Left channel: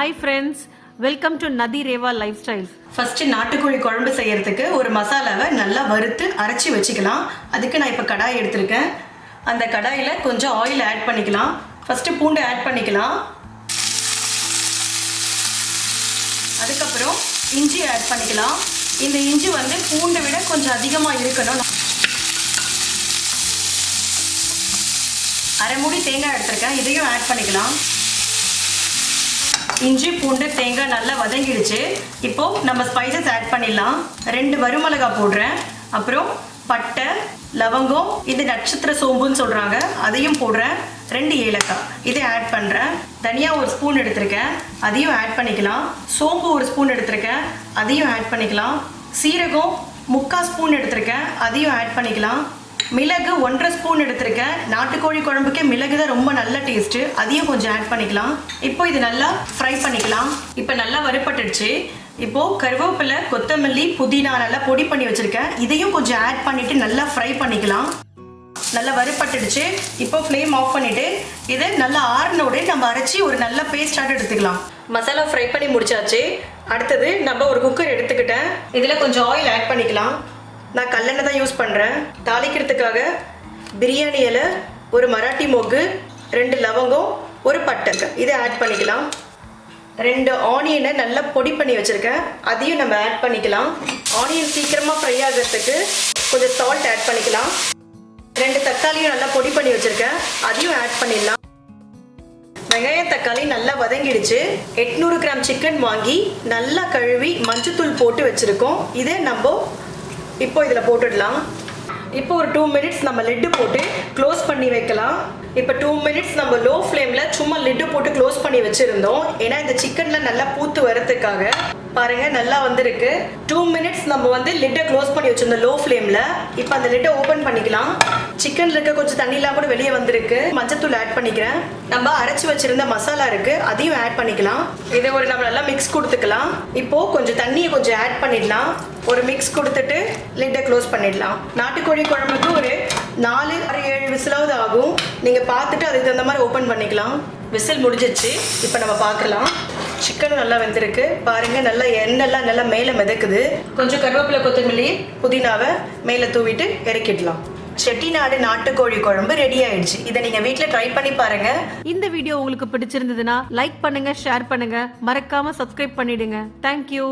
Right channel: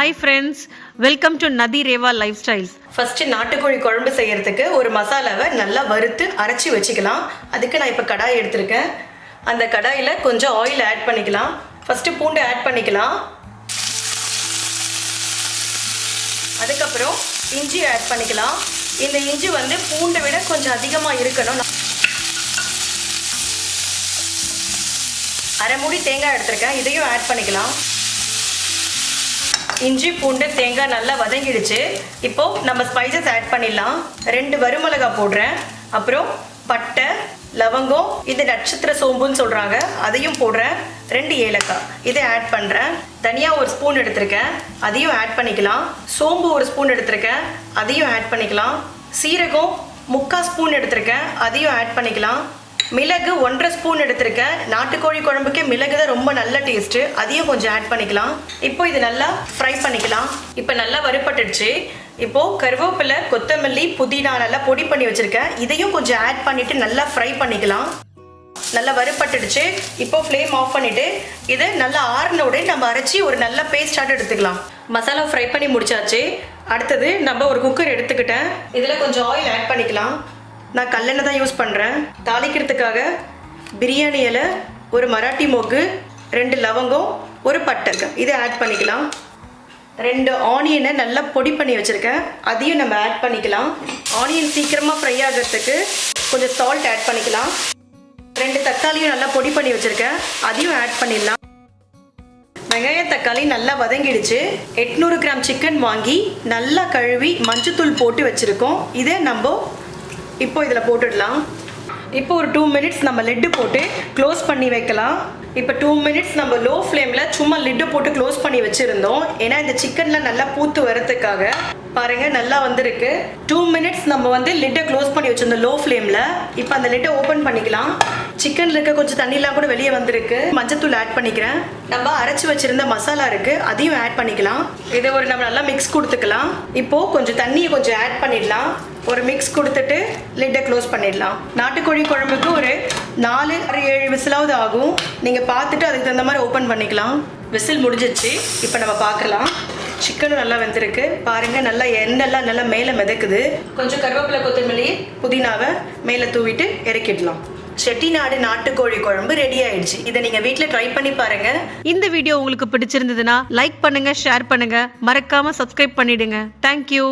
Hi friends welcome to நதி Rewa life styles first நாட்டுக்கோழி குழம்பு செய்யறதுக்கு ஒரு மசாலாவை நல்லா வறுத்து அரைச்சி வச்சுக்கலாம். அதுக்கு நான் இப்போ கடாய் எடுத்திருக்கேன். அந்த கடாயில் கொஞ்சம் ஆயில் ஆட் பண்ணிக்கலாம். ஃபர்ஸ்ட் பூண்டு ஆட் பண்ணிக்கலாம். அதுக்கப்புறம் இஞ்சி ஆட் பண்ணிக்கலாம். இந்த இஞ்சி வந்து பூண்டை விட கொஞ்சம் அதிகமாக இருக்கணும். அரை மூடி தேங்காய் எடுத்திருக்கேன். இதையும் ஆட் பண்ணிக்கலாம். இஞ்சி பூண்டு தேங்காய் நல்லா வதங்கிடுச்சு. இப்போ நம்ம ஸ்பைசஸ் ஆட் பண்ணிடலாம். ரெண்டு வருமிளகாய் போடுறேன். அப்புறம் பட்டை லவங்கம் இது நட்சத்திர சோம்புன்னு சொல்கிறாங்க அதையும் போடுறேன். ரெண்டு ஏலக்காய். இதை ஆட் பண்ணுறேன் தனியாக ஒரு ஸ்பூன் எடுத்திருக்கேன். அதையும் ஆட் பண்ணிக்கலாம். சோம்பு ஒரு ஸ்பூன் எடுத்திருக்கேன். அதையும் ஆட் பண்ணிக்கலாம். சீரகம் முக்கால் ஸ்பூன் எடுத்திருக்கேன். அதையும் ஆட் பண்ணிக்கலாம். மிளகு ஒன்றரை ஸ்பூன் எடுத்திருக்கேன். நாட்டுக்கோழி குழம்புக்கே மிளகு தான் ரொம்ப நல்ல டேஸ்ட்டு அதையும் கொஞ்சம் ஆட் பண்ணிக்கலாம். இப்போ இது நல்லா ஃப்ரை பண்ணிக்கலாம். இப்போ நல்லா வறுபட்டுடுச்சு. இப்போது கருவேப்பிலை கொத்தமல்லி புதினா நல்லா பொடி பண்ணி வச்சுருக்கேன். இதையும் கொஞ்சம் ஆட் பண்ணிவிட்டு நல்லா ஃப்ரை பண்ணிக்கலாம். நல்லா வறுபட்டுடுச்சு. இப்போ ஃப்ளேம் ஆஃப் பண்ணிவிட்டு இதை நல்லா ஆறுனோட நம்ம அரைச்சி ஒரு நல்ல பேஸ்டாக எடுத்துக்கலாம். மசாலா ஃப்ரை பண்ணி முடிச்சாச்சு. அடுத்தது நம்ம ஒரு குக்கர் எடுத்துக்கிட்டேன். இதில் கொஞ்சம் ஆயில் ஆட் பண்ணிக்கலாம். நான் கல்லெண்ணெய் தான் யூஸ் பண்ணுறேன் தாளிக்கிறதுக்காக பிரியாணி இலை ஒரு மராட்டி மொக்கு ரெண்டு லவங்கம் ஒரு பட்டை இதை ஆட் பண்ணிக்கலாம். ரெண்டு ஆனியனை நல்லா பொடி பண்ணி வச்சுருக்கேன். அதையும் நம்ம ஆட் பண்ணிக்கலாம். ஆனியன் சீக்கிரமாக ஃப்ரை ஆகிறதுக்கு கொஞ்சம் சால்ட் ஆட் பண்ணிக்கலாம். ரெண்டு தக்காளியும் நல்லா பொடி பண்ணி வச்சுருக்கேன். அதையும் ஆட் பண்ணிடலாம். வெங்காயம் தக்காளி நல்லா வதங்கிடுச்சு. எட்நூறு கிராம் சிக்கன் வாங்கி நல்லா கழுவி மஞ்சத்தூள் போட்டு வச்சுருக்கோம். இதை நம்ம இப்போ இதில் போட்டுடலாம். இப்போ ஒரு டூ மினிட்ஸ் நம்ம லிட்டு போட்டு க்ளோஸ் பண்ணி வைக்கலாம். இப்போ டூ மினிட்ஸ் நம்ம லோ ஃப்ளேமில் சும்மா லிட்டு போட்டு க்ளோஸ் பண்ணி வச்சுருந்தோம். ஏன்னா இந்த சிக்கனில் நல்லா பூத்து வரத்துக்காக பாருங்க நல்லா வந்திருக்கு. டூ மினிட்ஸ் நம்ம வந்து லிட்டை க்ளோஸ் பண்ணி வச்சுருந்தோம் லோ. ஃப்ளேமில் இப்போ அந்த லிட்டை ஓப்பன் பண்ணிக்கலாம். சிக்கன்ல இருக்க கொஞ்சம் தண்ணிலாம் கூட வெளியே வந்திருக்கு. மஞ்சத்தூள் ஆட் பண்ணிக்கிறேன். நம்ம அரைச்சி வச்சிருந்த மசாலா இருக்கு. அதையும் ஆட் பண்ணிக்கலாம். இதை ஒரு நம்ம நல்லா மிக்ஸ் கொடுத்துக்கலாம். இப்போ கொஞ்சம் தண்ணியை கொஞ்சம் ஆட் பண்ணிடலாம். ஒரு மிக்ஸ் கொடுத்துட்டு லிட்டை க்ளோஸ் பண்ணிடலாம். நாட்டுக்கோழி குழம்புக்கு ஒரு நாலு ஆறு ஏழு விசிலாவது ஆகும். நீங்கள் பார்த்துட்டு அதுக்கு தகுந்த மாதிரி ஓப்பன் பண்ணிக்கலாம். விசில் முடிஞ்சிச்சு இப்போ நம்ம பார்க்கலாம். சிக்கனும் நல்லா வெந்திருக்கு. பாருங்க நல்லா எண்ணெய்லாம் நல்லா மேலே மிதக்குது. கொஞ்சம் கருவேப்பிலை கொத்தமல்லி புதினாவை மேலே தூவிட்டு இறக்கிடலாம். செட்டிநாடு நாட்டுக்கோழி குழம்பு ரெடி ஆயிடுச்சு. இதை நீங்கள் வீட்டில் ட்ரை பண்ணி பாருங்க. இந்த வீடியோ உங்களுக்கு பிடிச்சிருந்ததுன்னா லைக் பண்ணுங்க ஷேர் பண்ணுங்க. மறக்காம சப்ஸ்கிரைப் பண்ணிடுங்க. தேங்க்யூ